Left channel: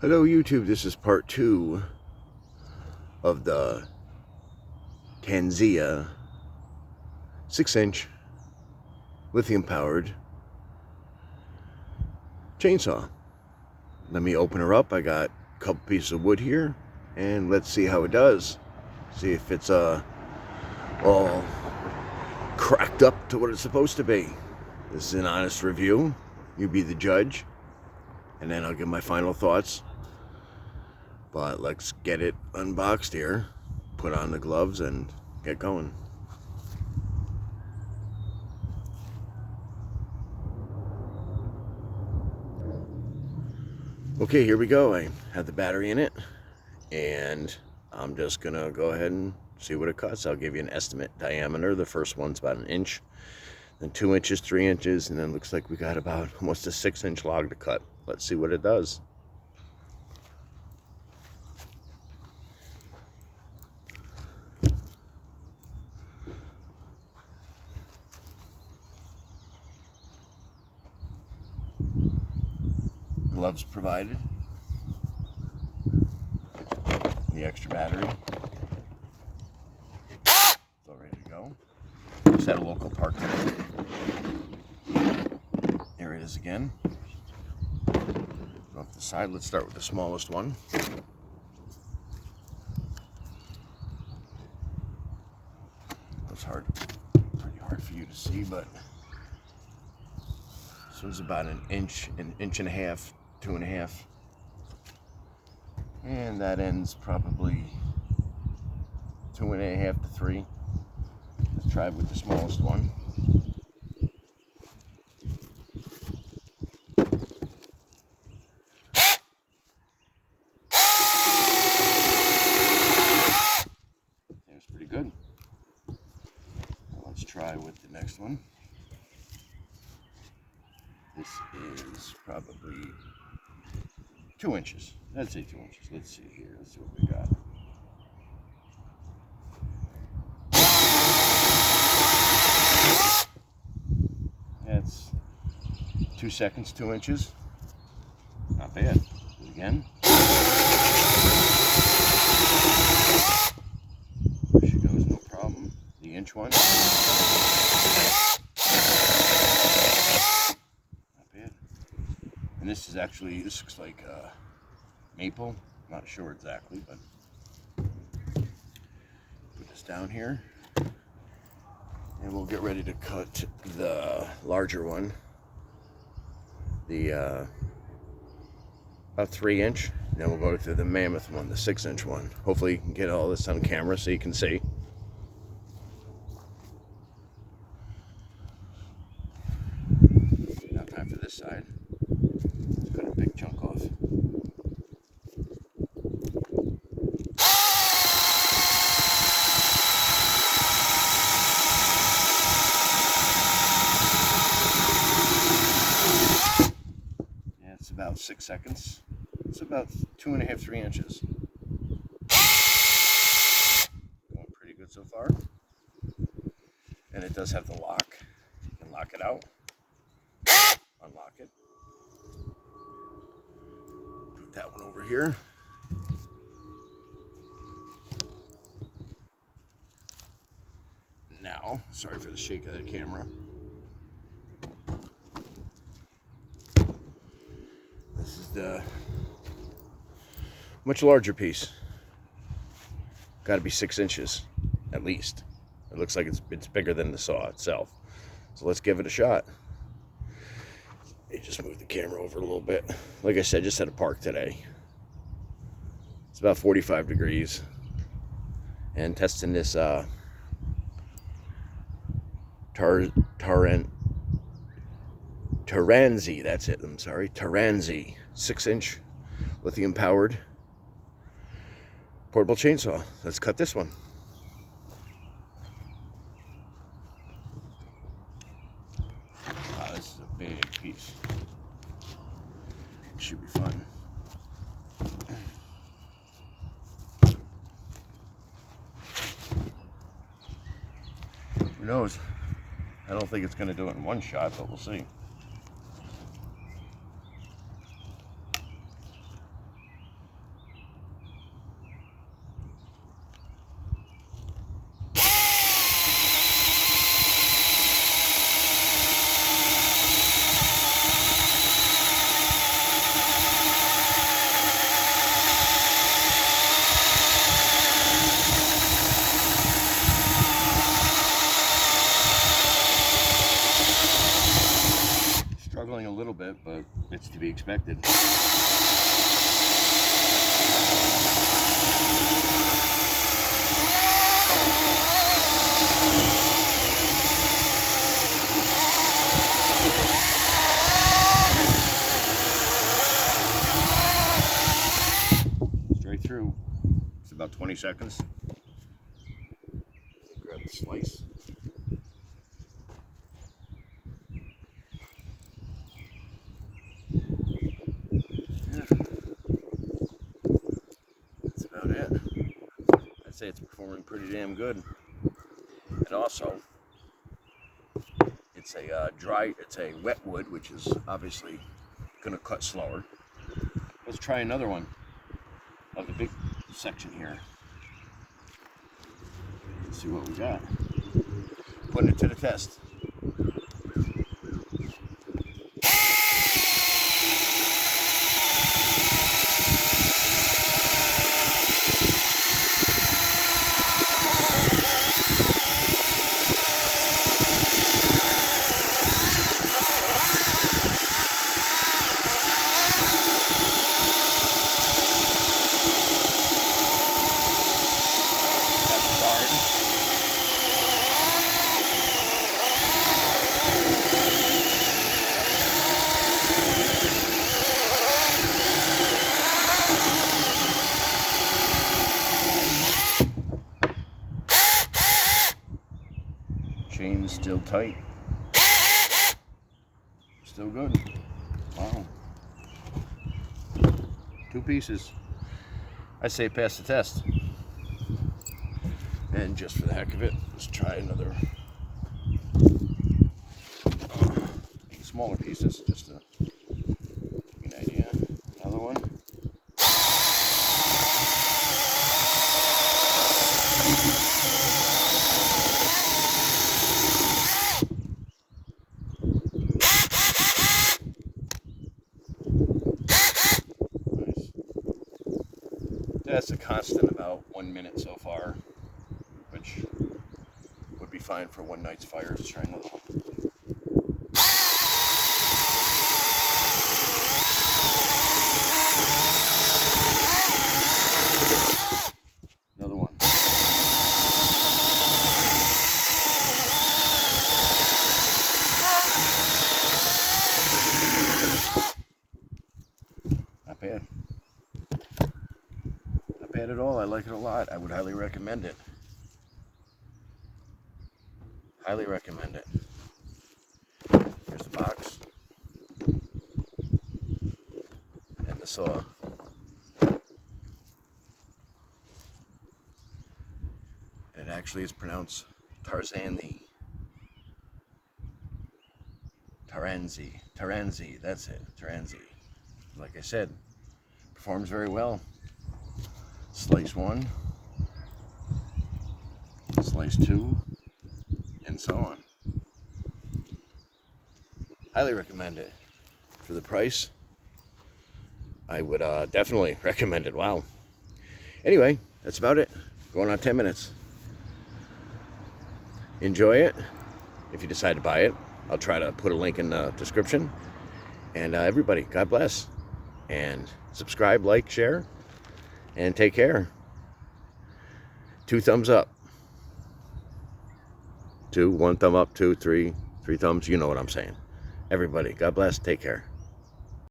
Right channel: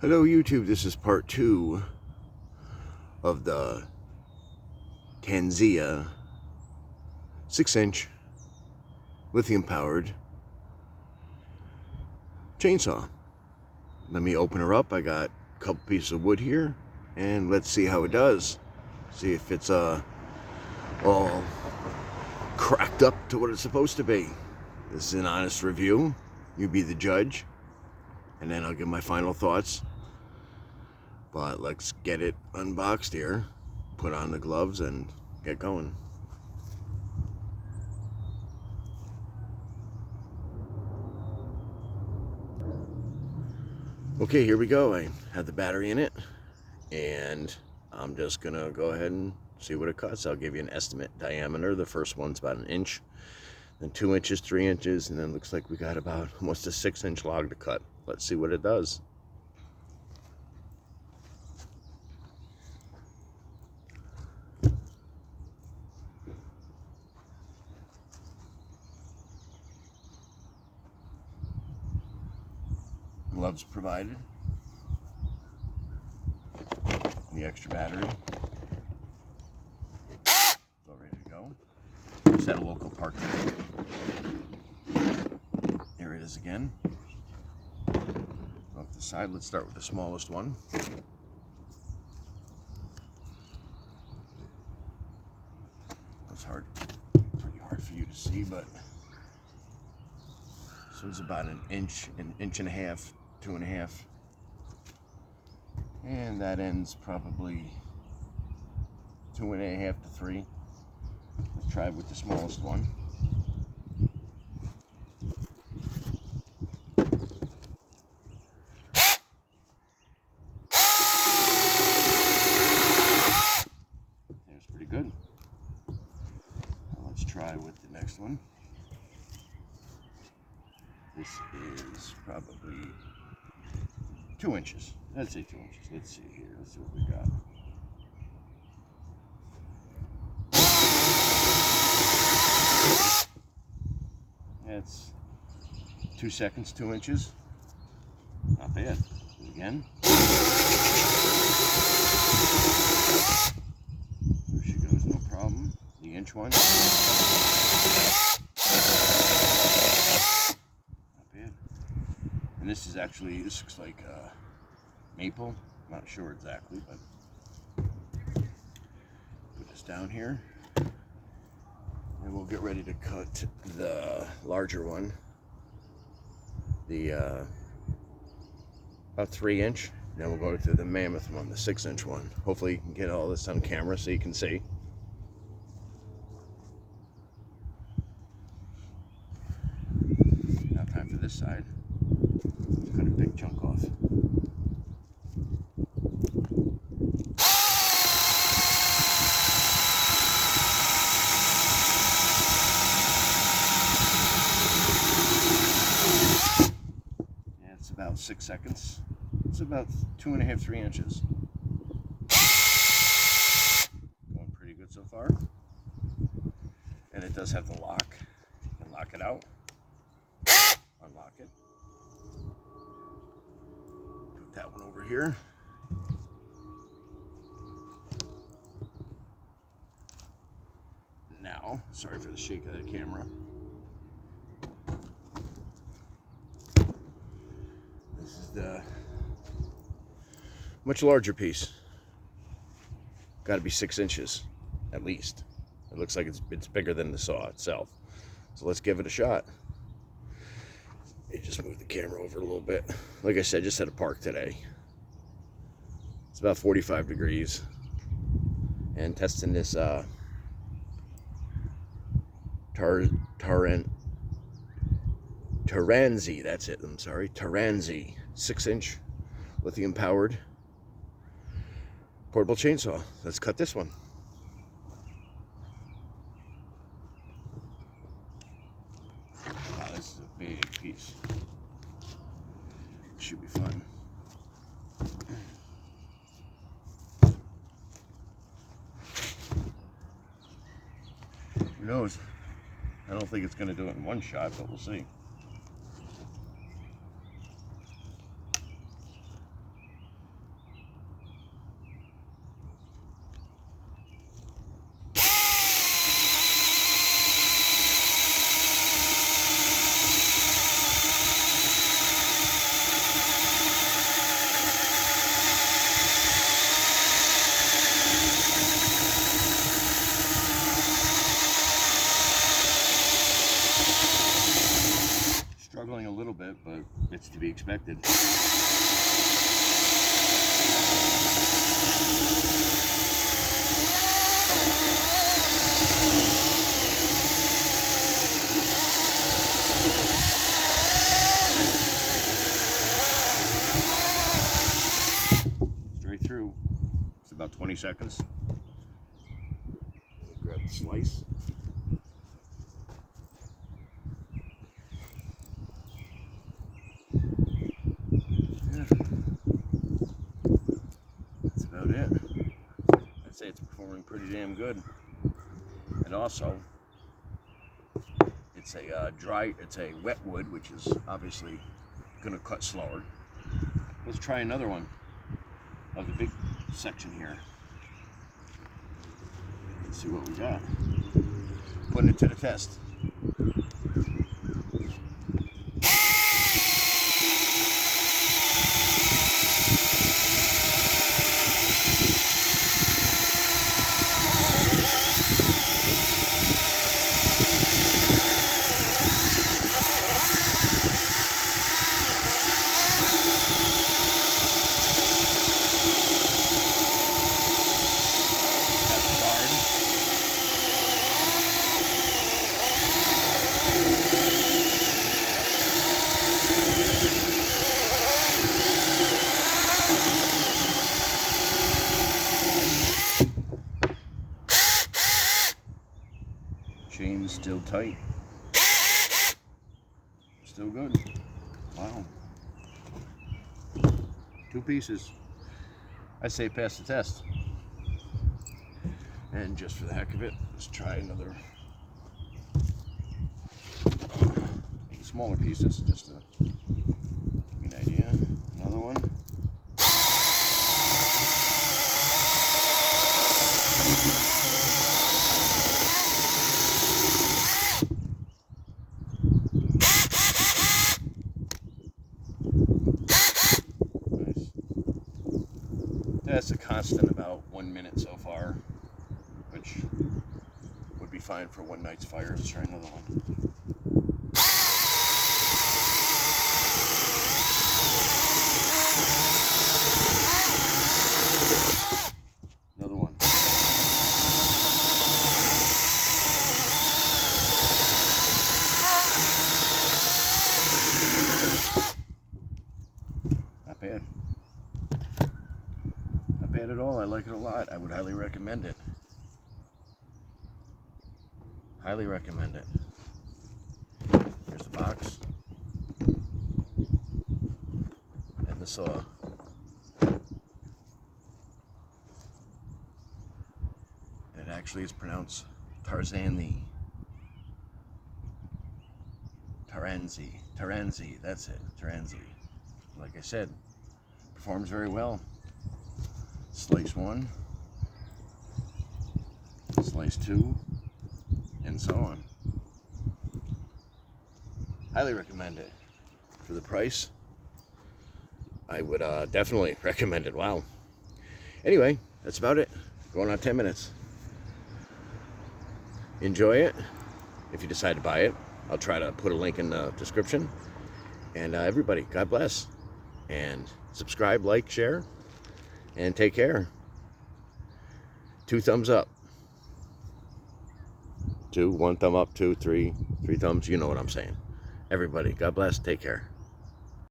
Hello YouTube, this is part 2 of the Taranzy 6-inch lithium powered chainsaw. Let me open her up. I got a couple pieces of wood here and let's see how it does. See if it's all cracked up to what it's supposed to be. This is an honest review. You be the judge and then I'll give my final thoughts. But let's get it unboxed here, put on the gloves and get going. Okay, here we go. I have the battery in it and I'm just gonna go ahead and see what it cuts. I'll give you an estimate diameter. The first one's about 1 inch, then 2 inches, 3 inches, and then looks like we got about almost a 6-inch log to cut. Let's see what it does. Gloves provided, the extra battery, it's all ready to go. Just at a local park today. There it is again. Off the side, let's start with the smallest one. It's pretty hard for you to see, but this one's about an inch and a half, 2.5, and that ends probably 2.5 to 3. Let's try with the smallest one. That's pretty good. Now let's try with the next one. This is probably 2 inches. I'd say 2 inches. Let's see here. Let's see what we got. That's 2 seconds, 2 inches. Not bad. Do it again. There she goes, no problem. The inch one. And this looks like maple. Not sure exactly, but put this down here. And we'll get ready to cut the larger one. The about 3 inch. Then we'll go to the mammoth one, the 6-inch one. Hopefully you can get all this on camera so you can see. Now time for this side. Let's cut a big chunk off. Yeah, it's about 6 seconds. It's about 2.5, 3 inches. Going pretty good so far. And it does have the lock. You can lock it out. Unlock it. Put that one over here. Now, sorry for the shake of the camera. This is the much larger piece. Got to be 6 inches at least. It looks like it's bigger than the saw itself. So let's give it a shot. You just move the camera over a little bit. Like I said, just at a park today. It's about 45 degrees. And testing this Taranzy, that's it, I'm sorry. Taranzy 6-inch lithium powered portable chainsaw. Let's cut this one. Wow, this is a big piece. Should be fun. Who knows? I don't think it's going to do it in one shot, but we'll see. It's to be expected. Straight through. It's about 20 seconds. Grab the slice. Yeah. That's about it. I'd say it's performing pretty damn good. And also, it's a it's a wet wood, which is obviously going to cut slower. Let's try another one of the big section here. Let's see what we got. Putting it to the test. Chain's still tight. Still good. Wow. 2 pieces. I say pass the test. And just for the heck of it, let's try another smaller pieces, just to get an idea. Another one. That's a constant about 1 minute so far, which would be fine for one night's fire. Let's try another one. Another one. Not bad. Not bad at all. I like it a lot. I would highly recommend it. Highly recommend it. Here's the box. And the saw. It actually is pronounced Taranzy. Taranzy, that's it. Taranzy. Like I said, performs very well. Slice 1, slice 2, and so on. Highly recommend it. For the price, I would definitely recommend it. Wow. Anyway, that's about it. Going on 10 minutes. Enjoy it. If you decide to buy it, I'll try to put a link in the description. And everybody, God bless. And subscribe, like, share, and take care. 2 thumbs up. 2, 1 thumb up, 2, 3 thumbs. You know what I'm saying. Everybody, God bless. Take care.